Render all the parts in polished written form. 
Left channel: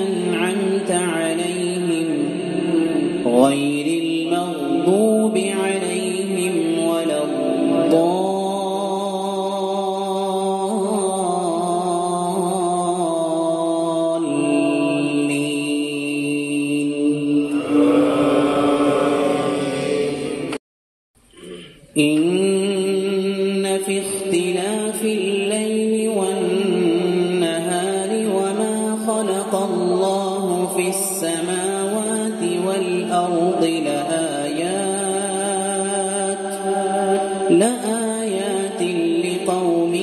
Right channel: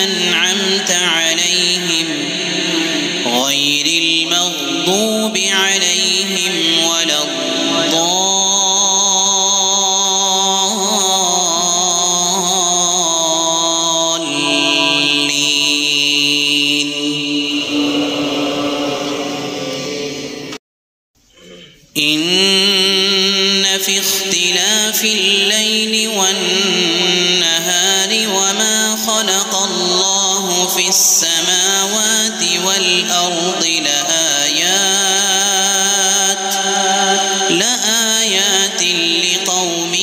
أنعمت عليهم غير المغضوب عليهم ولا الضالين إن في اختلاف الليل والنهار وما خلق الله في السماوات والأرض لآيات لقوم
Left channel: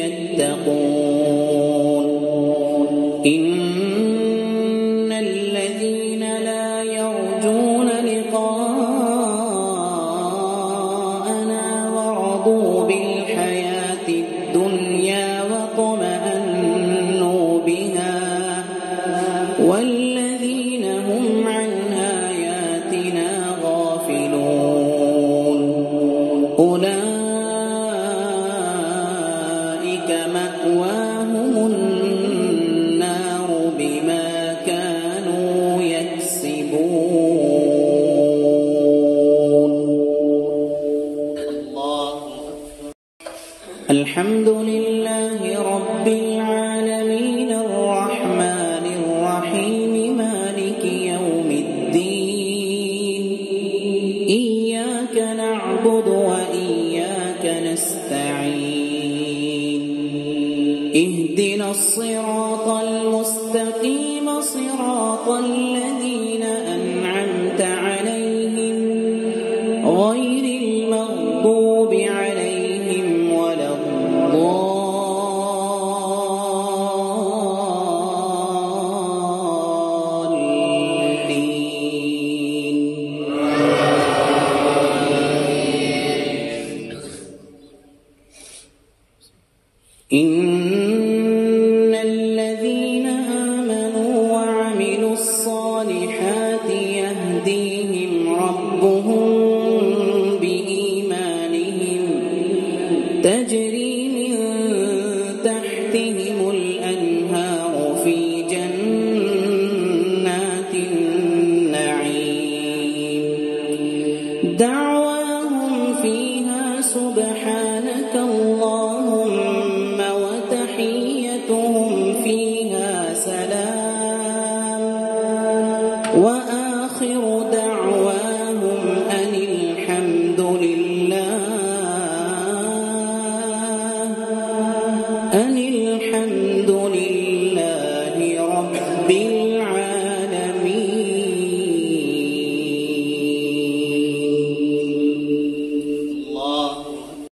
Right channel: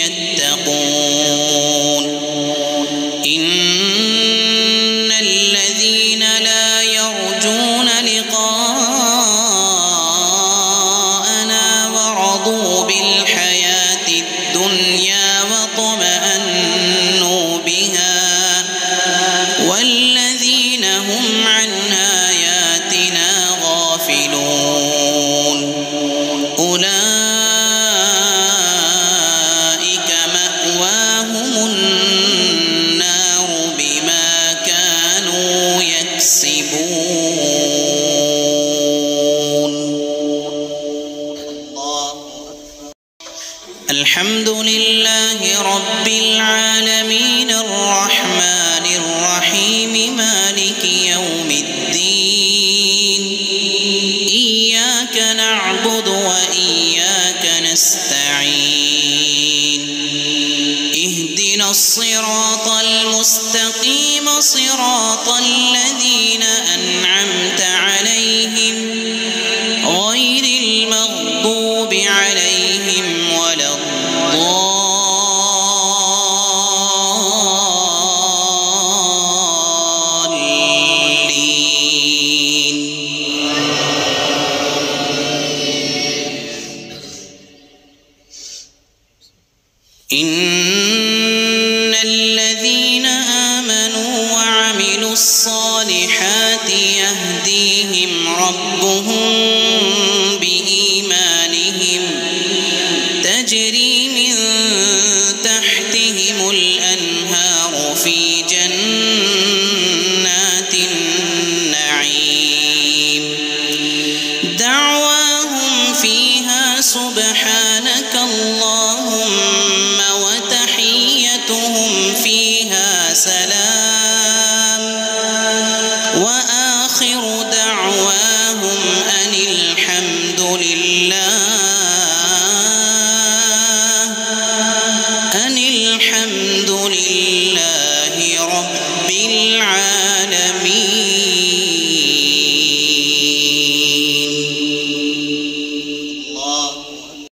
يتقون إن الذين لا يرجون لقاءنا ورضوا بالحياة الدنيا واطمأنوا بها والذين هم عن آياتنا غافلون أولئك مأواهم النار بما كانوا يكسبون. الحمد لله رب العالمين الرحمن الرحيم مالك يوم الدين إياك نعبد وإياك نستعين اهدنا الصراط المستقيم صراط الذين أنعمت عليهم غير المغضوب عليهم ولا الضالين. إن الذين آمنوا وعملوا الصالحات يهديهم ربهم بإيمانهم تجري من تحتهم الأنهار في جنات النعيم دعواهم فيها سبحانك اللهم وتحيتهم فيها سلام وآخر دعواهم أن الحمد لله